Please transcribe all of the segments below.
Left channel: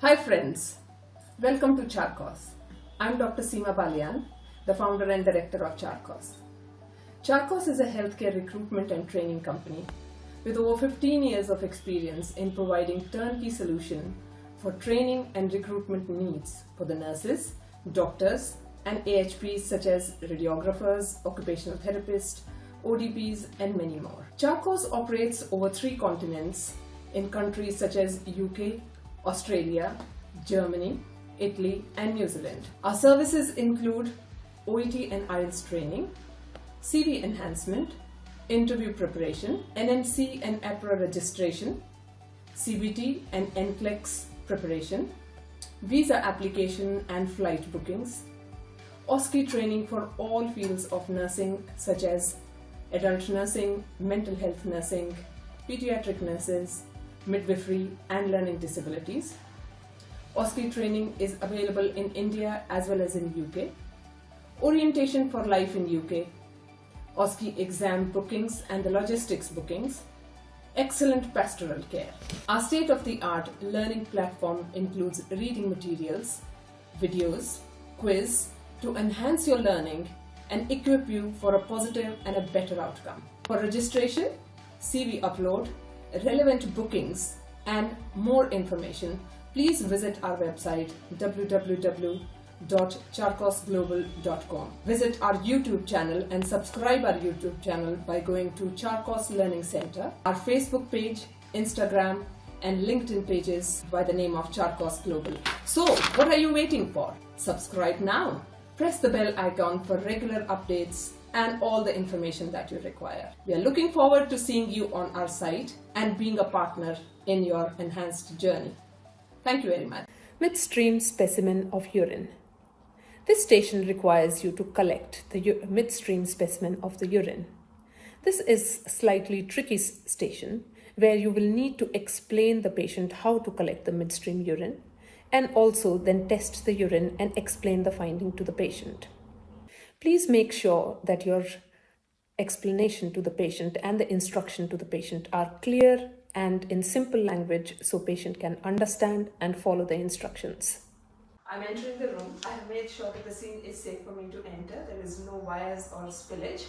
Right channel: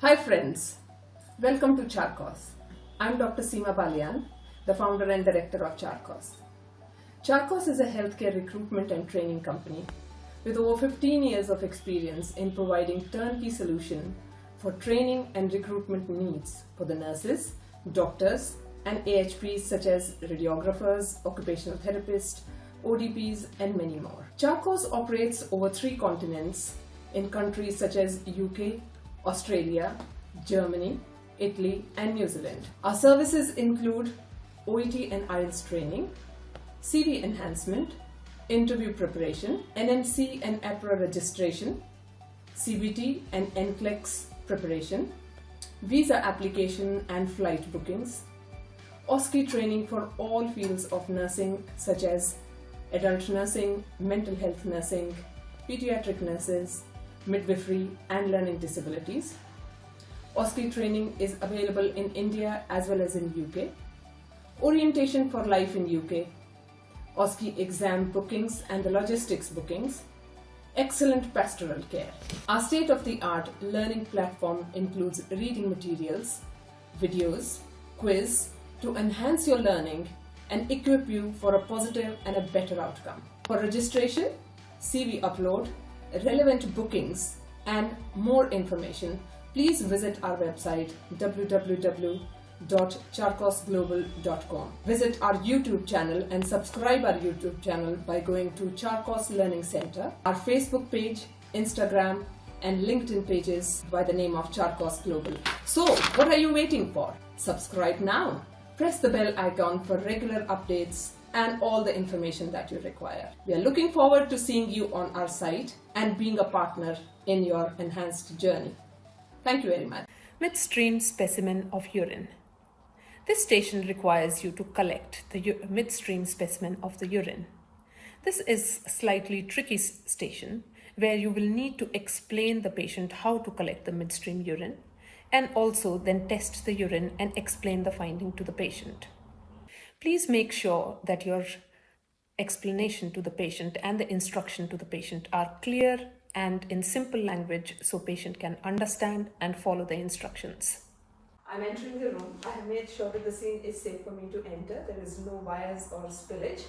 Hi friends, welcome to Charkos. I'm Dr. Seema Balian, the founder and director of Charkos. Charkos is a healthcare recruitment and training company with over 15 years of experience in providing turnkey solution for training and recruitment needs for the nurses, doctors and AHPs such as radiographers, occupational therapists, ODPs and many more. Charkos operates over 3 continents in countries such as UK, Australia, Germany, Italy and New Zealand. Our services include OET and IELTS training, CV enhancement, interview preparation, NMC and APRA registration, CBT and NCLEX preparation, visa application and flight bookings, OSCE training for all fields of nursing such as adult nursing, mental health nursing, pediatric nurses, midwifery and learning disabilities. OSCE training is available in India as well as in UK. Orientation for life in UK. OSCE exam bookings and the logistics bookings. Excellent pastoral care. Our state-of-the-art learning platform includes reading materials, videos, quiz to enhance your learning and equip you for a positive and a better outcome. For registration, CV upload, relevant bookings and more information, please visit our website www.charkosglobal.com. Visit our YouTube channel and subscribe our YouTube channel by going to Charkos Learning Center, our Facebook page, Instagram and LinkedIn pages by the name of Charkos Global. So what are you waiting for? Subscribe now. Press the bell icon for regular updates and all the information that you require. We are looking forward to seeing you on our site and being a partner in your enhanced journey. Thank you very much. Midstream specimen of urine. This station requires you to collect the midstream specimen of the urine. This is a slightly tricky station where you will need to explain the patient how to collect the midstream urine and also then test the urine and explain the finding to the patient. Please make sure that your explanation to the patient and the instruction to the patient are clear and in simple language so patient can understand and follow the instructions. I'm entering the room. I have made sure that the scene is safe for me to enter. There is no wires or spillage.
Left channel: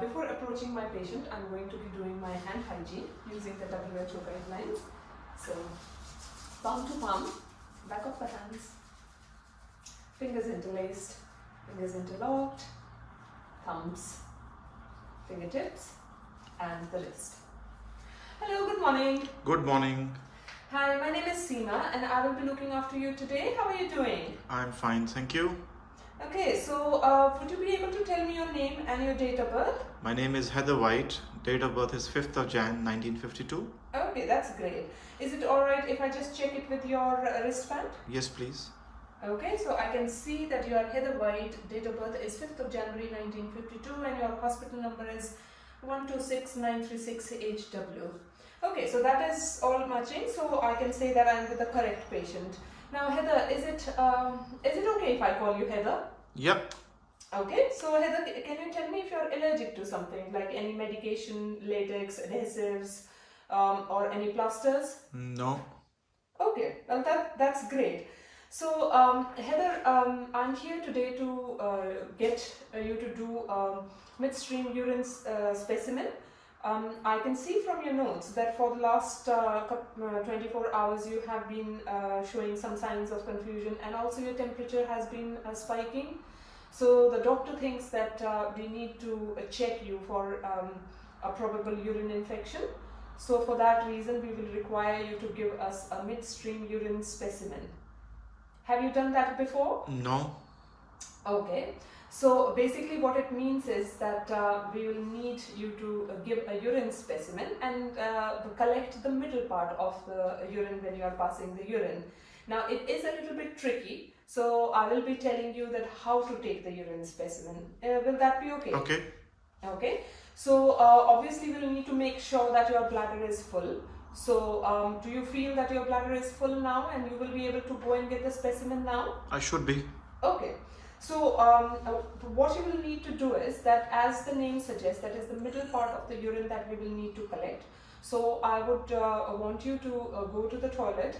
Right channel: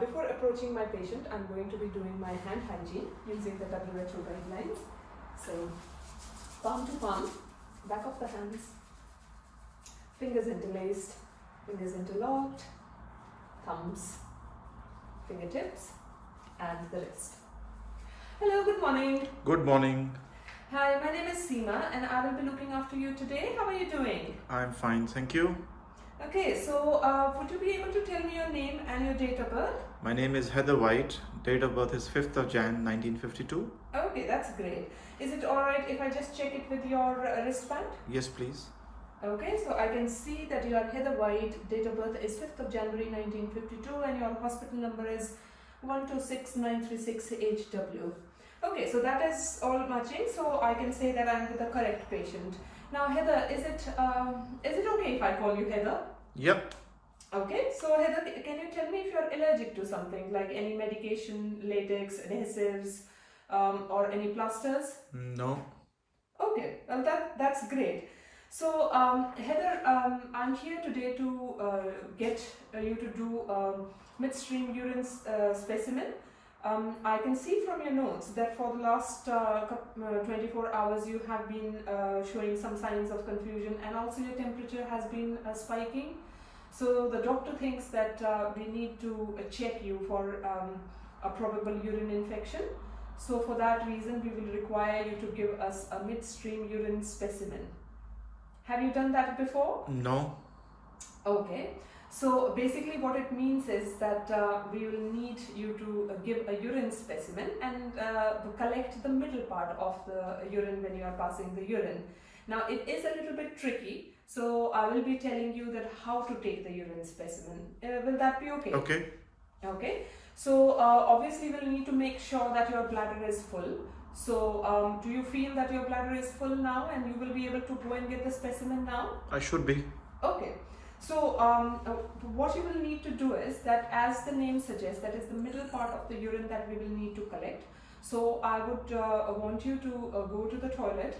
Before approaching my patient, I'm going to be doing my hand hygiene using the WHO guidelines. So, palm to palm, back of the hands, fingers interlaced, fingers interlocked, thumbs, fingertips, and the wrist. Hello, good morning. Good morning. Hi, my name is Seema and I will be looking after you today. How are you doing? I'm fine, thank you. Okay, so would you be able to tell me your name and your date of birth? My name is Heather White. Date of birth is 5th of Jan 1952. Okay, that's great. Is it alright if I just check it with your wristband? Yes, please. Okay, so I can see that you are Heather White, date of birth is 5th of January 1952 and your hospital number is 126936HW. Okay, so that is all matching, so I can say that I'm with the correct patient. Now Heather, is it okay if I call you Heather? Yep. Okay, so Heather, can you tell me if you're allergic to something like any medication, latex, adhesives or any plasters? No. Okay, well that's great. So Heather, I'm here today to get you to do midstream urine specimen. I can see from your notes that for the last 24 hours you have been showing some signs of confusion and also your temperature has been spiking. So the doctor thinks that we need to check you for a probable urine infection. So for that reason we will require you to give us a midstream urine specimen. Have you done that before? No. Okay. So basically what it means is that we will need you to give a urine specimen and collect the middle part of the urine when you are passing the urine. Now it is a little bit tricky, so I will be telling you that how to take the urine specimen. Will that be okay? Okay. Okay. So obviously we'll need to make sure that your bladder is full. So do you feel that your bladder is full now and you will be able to go and get the specimen now? I should be. Okay. So what you will need to do is that, as the name suggests, that is the middle part of the urine that we will need to collect. So I would want you to go to the toilet,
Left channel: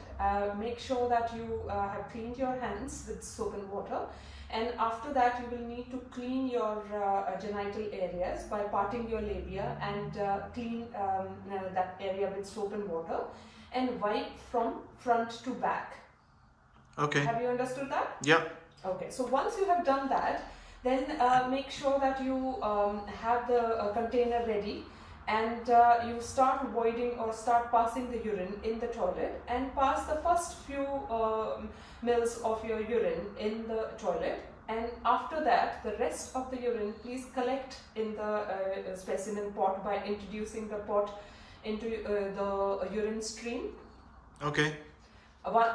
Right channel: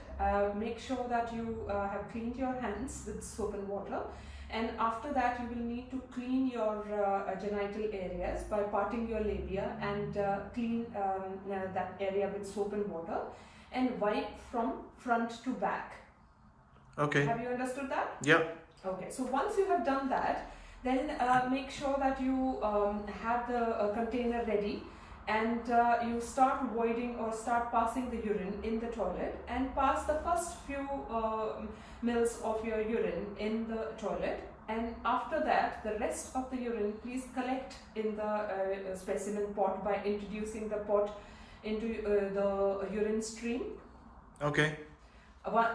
make sure that you have cleaned your hands with soap and water, and after that you will need to clean your genital areas by parting your labia and clean that area with soap and water and wipe from front to back. Okay. Have you understood that? Yeah. Okay, so once you have done that, then make sure that you have the container ready, and you start voiding or start passing the urine in the toilet, and pass the first few mils of your urine in the toilet, and after that the rest of the urine please collect in the specimen pot by introducing the pot into the urine stream. Okay.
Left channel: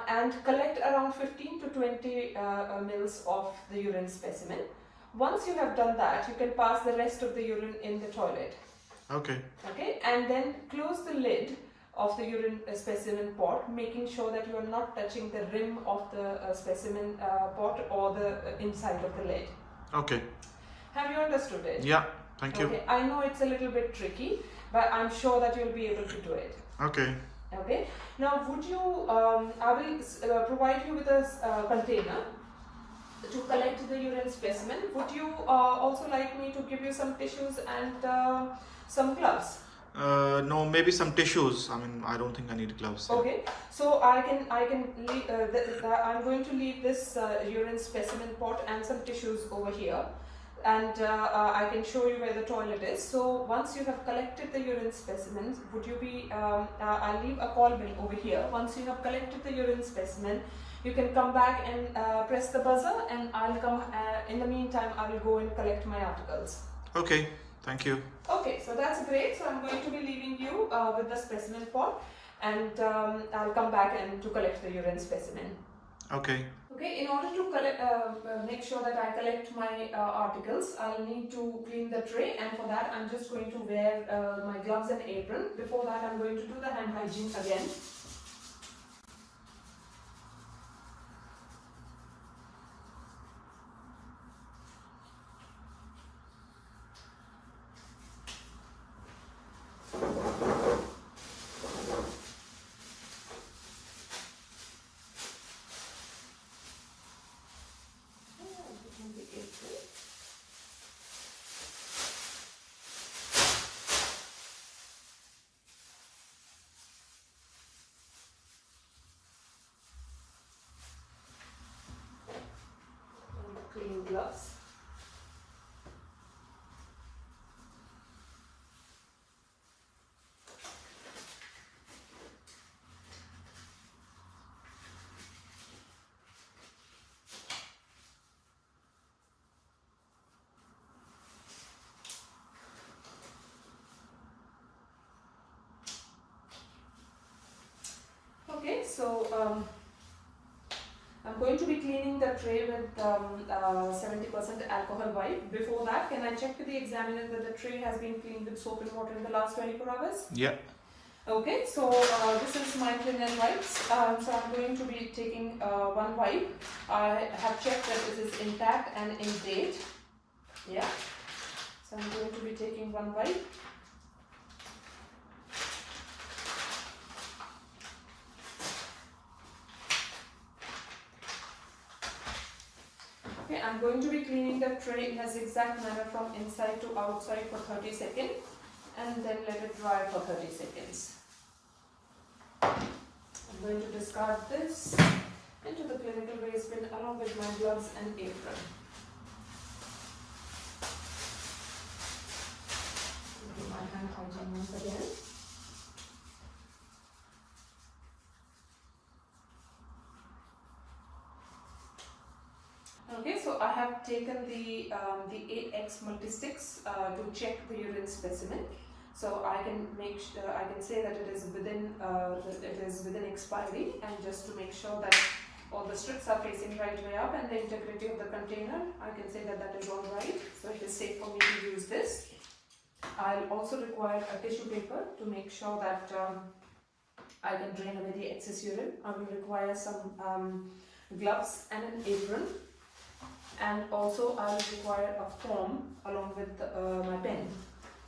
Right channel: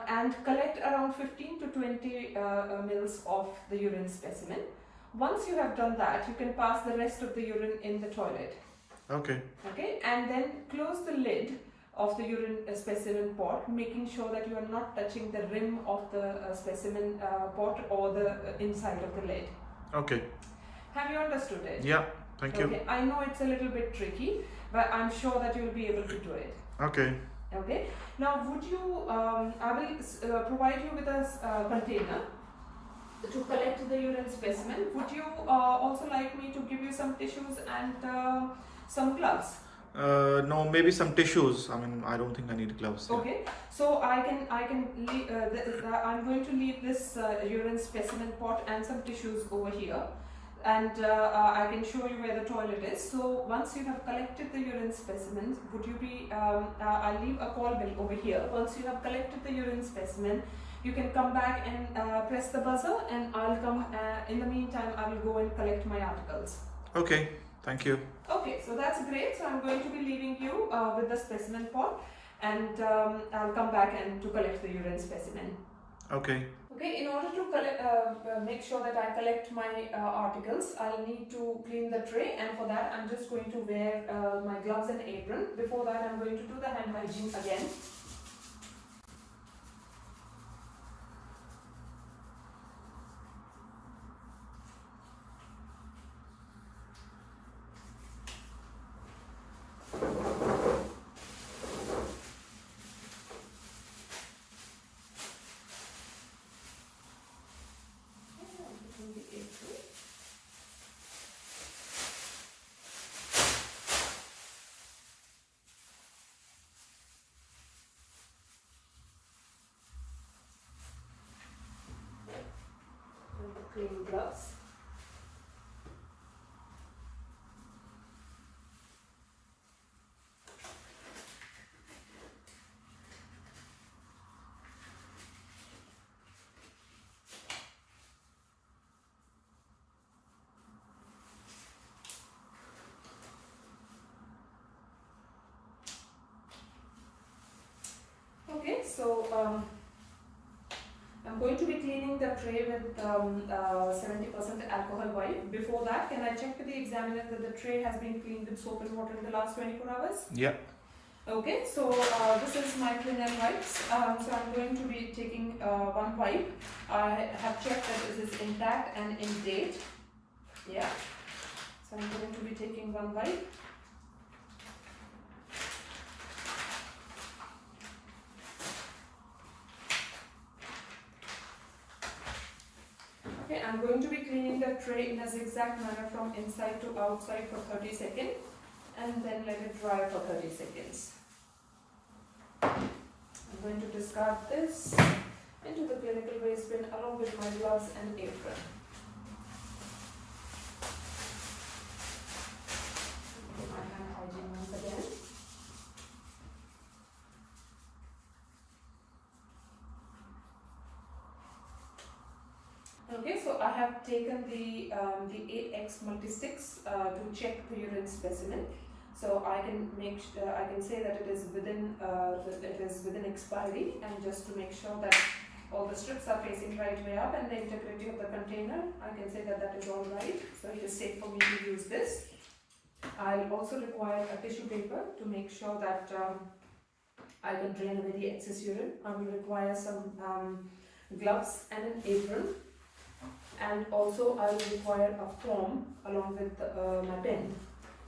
And collect around 15 to 20 mils of the urine specimen. Once you have done that, you can pass the rest of the urine in the toilet. Okay. Okay, and then close the lid of the urine specimen pot, making sure that you are not touching the rim of the specimen pot or the inside of the lid. Okay. Have you understood it? Yeah. Thank you. Okay, I know it's a little bit tricky, but I'm sure that you'll be able to do it. Okay. Okay. Now, would you? I will provide you with a container to collect the urine specimen. Would you also like me to give you some tissues and some gloves? No, maybe some tissues. I mean, I don't think I need gloves. Yeah. Okay. So I can leave, I'm going to leave this urine specimen pot and some tissues over here. And I can show you where the toilet is. So once you have collected the urine specimens, would you be, I'll leave a call bill over here. Once you have collected the urine specimen, you can come back and press the buzzer, and I'll come, in the meantime, I will go and collect my articles. Okay, thank you. Okay, so that's great. So I'm going to be leaving you with the specimen pot, and I'll come back and to collect the urine specimen. Okay. Okay, in order to collect, make sure that I collect my articles, I'll need to clean the tray, and for that I'm just going to wear my gloves and apron. Before that, I'm going to do the hand hygiene again. Clean gloves. Okay, so I'm going to be cleaning the tray with 70% alcohol wipe. Before that, can I check with the examiner that the tray has been cleaned with soap and water in the last 24 hours? Yeah. Okay, so this is my linen wipes. So I'm going to be taking one wipe. I have checked that it is intact and in date. Yeah. So I'm going to be taking one wipe. Okay, I'm going to be cleaning the tray in a zigzag manner from inside to outside for 30 seconds, and then let it dry for 30 seconds. I'm going to discard this into the clinical waste bin along with my gloves and apron. Do my hand hygiene once again. Okay, so I have taken the 8X multisticks to check the urine specimen. So I can I can say that it is within expiry, and just to make sure that all the strips are facing right way up and the integrity of the container, I can say that that is all right. So it is safe for me to use this. I'll also require a tissue paper to make sure that I can drain away the excess urine. I will require some gloves and an apron. And also I will require a form along with my pen.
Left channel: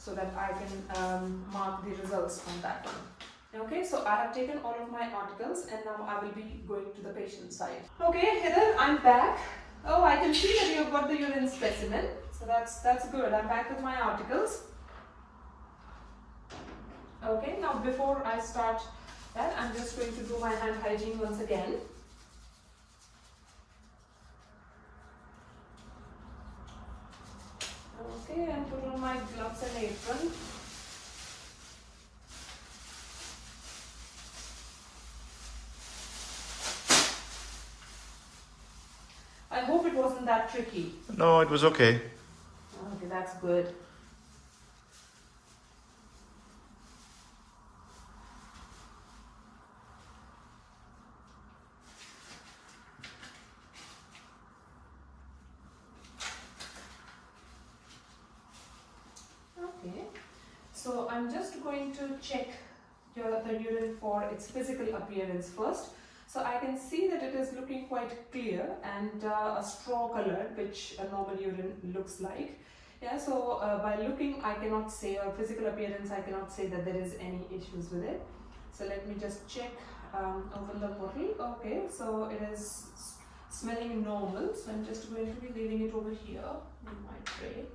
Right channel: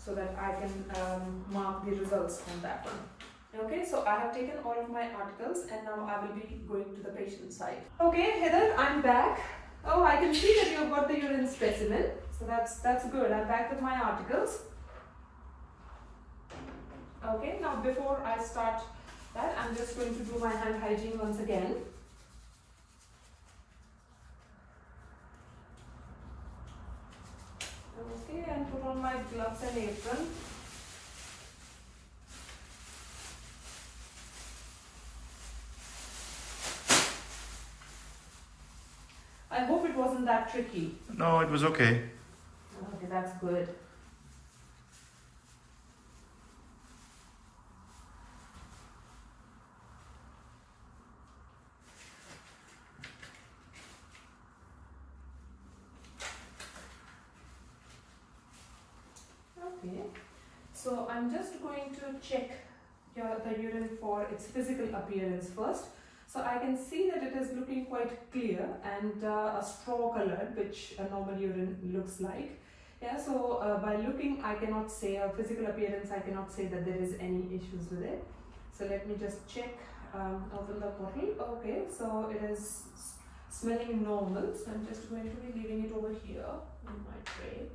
so that I can mark the results on that one. Okay, so I have taken all of my articles and now I will be going to the patient side. Okay, Heather, I'm back. Oh, I can see that you've got the urine specimen, so that's good. I'm back with my articles. Okay, now before I start that, I'm just going to do my hand hygiene once again. Okay, and put on my gloves and apron. I hope it wasn't that tricky. No, it was okay. Okay, that's good. Okay, so I'm just going to check the urine for its physical appearance first. So I can see that it is looking quite clear and a straw colored, which a normal urine looks like. Yeah, so by looking, I cannot say, or physical appearance, I cannot say that there is any issues with it. So let me just check, open the bottle. Okay, so it is smelling normal. So I'm just going to be leaving it over here in my tray.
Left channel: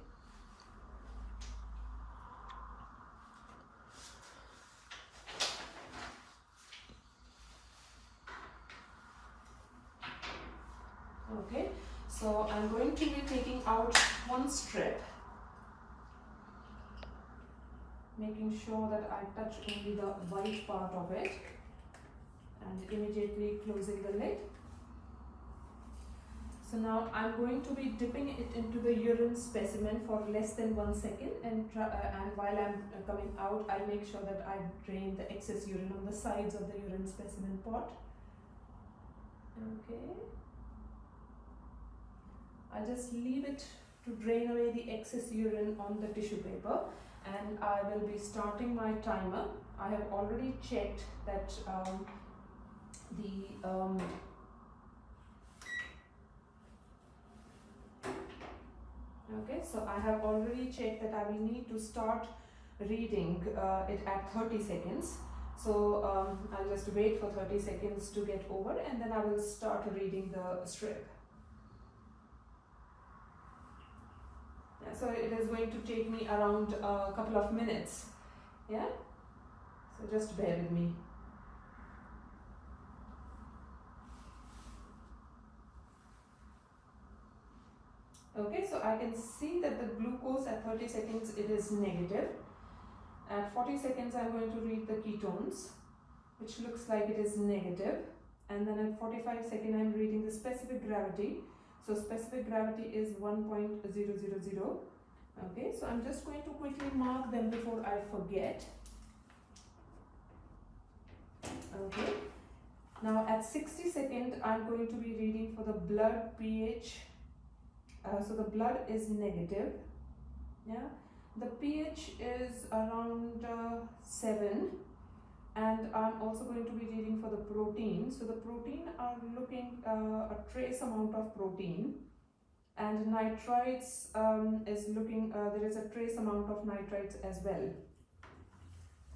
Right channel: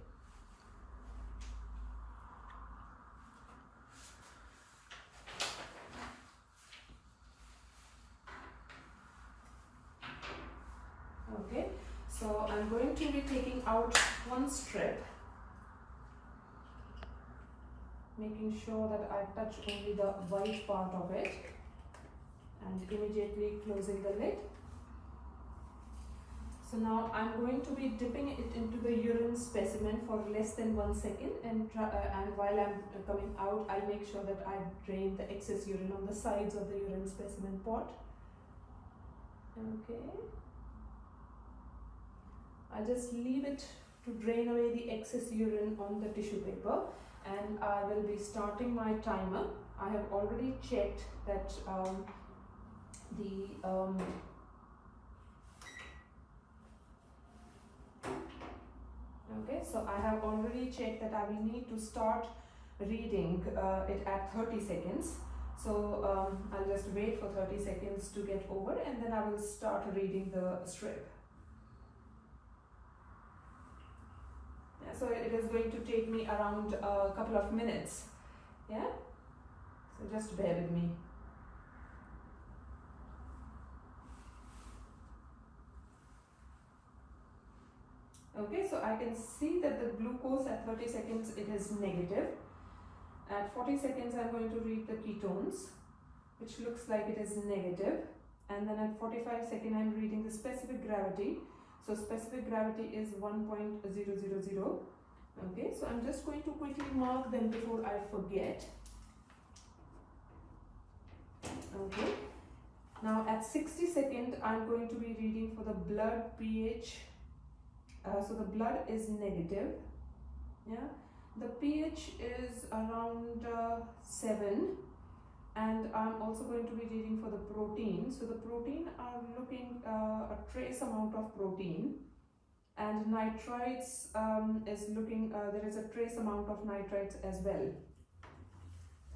Okay, so I'm going to be taking out one strip, making sure that I touch only the white part of it and immediately closing the lid. So now I'm going to be dipping it into the urine specimen for less than 1 second, and while I'm coming out, I'll make sure that I drain the excess urine on the sides of the urine specimen pot. Okay. I'll just leave it to drain away the excess urine on the tissue paper, and I will be starting my timer. I have already checked that okay, so I have already checked that I will need to start reading it at 30 seconds. So I'll just wait for 30 seconds to get over, and then I will start reading the strip. So it is going to take me around a couple of minutes. Yeah, so just bear with me. Okay, so I can see that the glucose at 30 seconds, it is negative. At 40 seconds, I'm going to read the ketones, which looks like it is negative. And then at 45 seconds, I'm reading the specific gravity. So specific gravity is 1.000. Okay, so I'm just going to quickly mark them before I forget. Okay, now at 60 seconds, I'm going to be reading for the blood pH. So the blood is negative. Yeah, the pH is around 7. And I'm also going to be reading for the protein. So the protein are looking a trace amount of protein, and nitrites is looking, there is a trace amount of nitrites as well.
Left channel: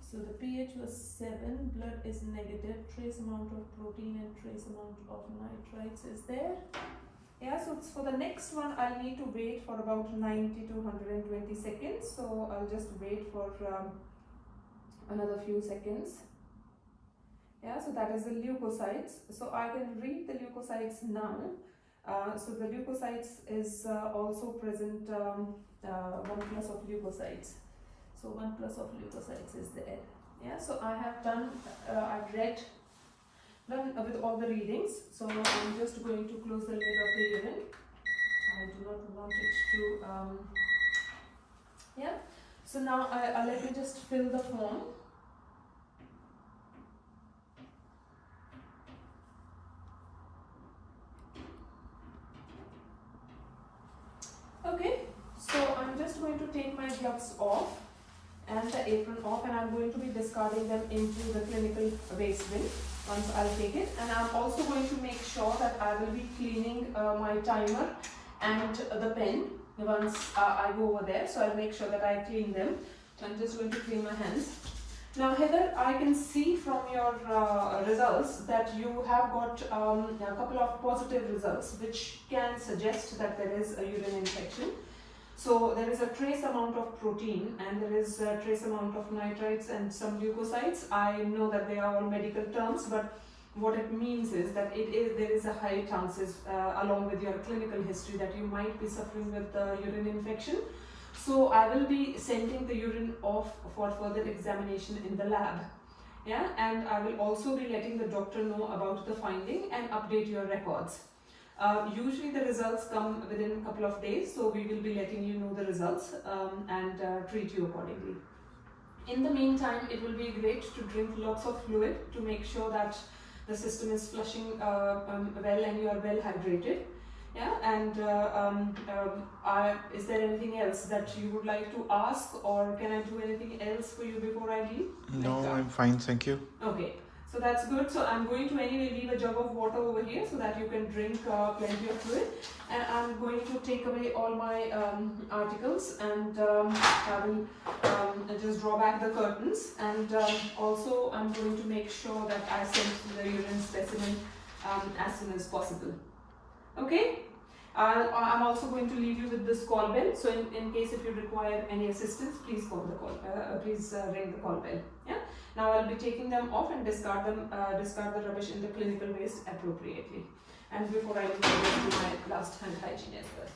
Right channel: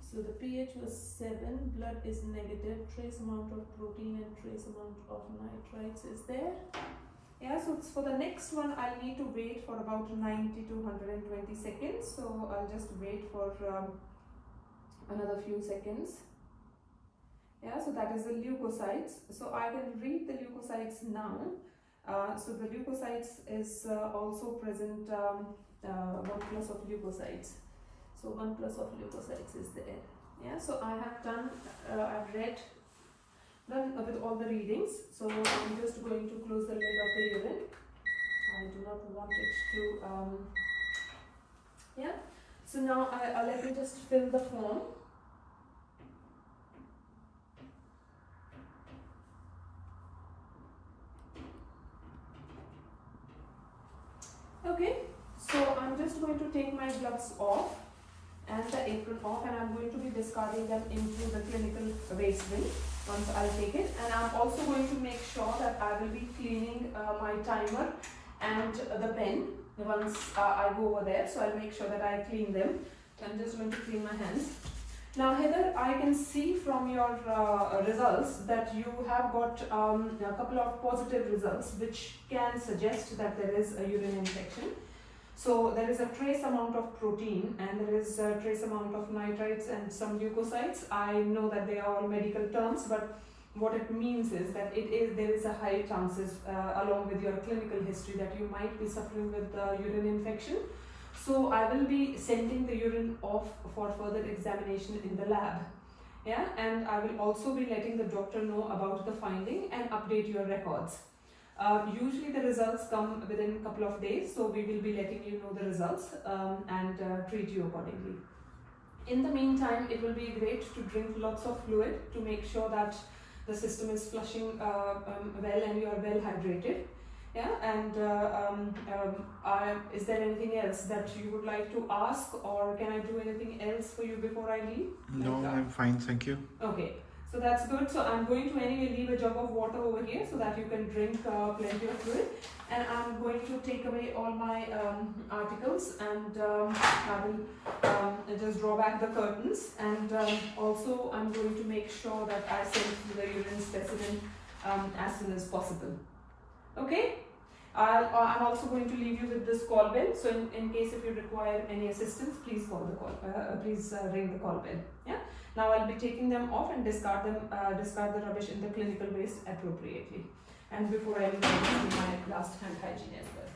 So the pH was 7, blood is negative, trace amount of protein and trace amount of nitrites is there. Yeah, so for the next one, I'll need to wait for about 90 to 120 seconds. So I'll just wait for another few seconds. Yeah, so that is the leukocytes. So I can read the leukocytes now. So the leukocytes is also present 1 plus of leukocytes. So 1 plus of leukocytes is there. Yeah, so I have done, I've read, done with all the readings. So I'm just going to close the lid of the urine. I do not want it to, yeah. So now let me just fill the form. Okay, so I'm just going to take my gloves off and the apron off, and I'm going to be discarding them into the clinical waste bin once I'll take it. And I'm also going to make sure that I will be cleaning my timer and the pen once I go over there. So I'll make sure that I clean them I'm just going to clean my hands. Now Heather, I can see from your results that you have got a couple of positive results which can suggest that there is a urine infection. So there is a trace amount of protein and there is a trace amount of nitrites and some leukocytes. I know that they are all medical terms, but what it means is that there is a high chances along with your clinical history that you might be suffering with urine infection. So I will be sending the urine off for further examination in the lab. Yeah, and I will also be letting the doctor know about the finding and update your records. Usually the results come within a couple of days, so we will be letting you know the results and treat you accordingly. In the meantime, it will be great to drink lots of fluid to make sure that the system is flushing well and you are well hydrated. Yeah, and is there anything else that you would like to ask, or can I do anything else for you before I leave? No, I'm fine, thank you. Okay, so that's good. So I'm going to anyway leave a jug of water over here so that you can drink plenty of fluid, and I'm going to take away all my articles, and I will just draw back the curtains, and also I'm going to make sure that I send the urine specimen as soon as possible. Okay, I'm also going to leave you with this call bell. So in case if you require any assistance, please call the call. Please ring the call bell. Yeah. Now I'll be taking them off and discard the rubbish in the clinical waste appropriately. And before I leave, I'll do my last hand hygiene as well.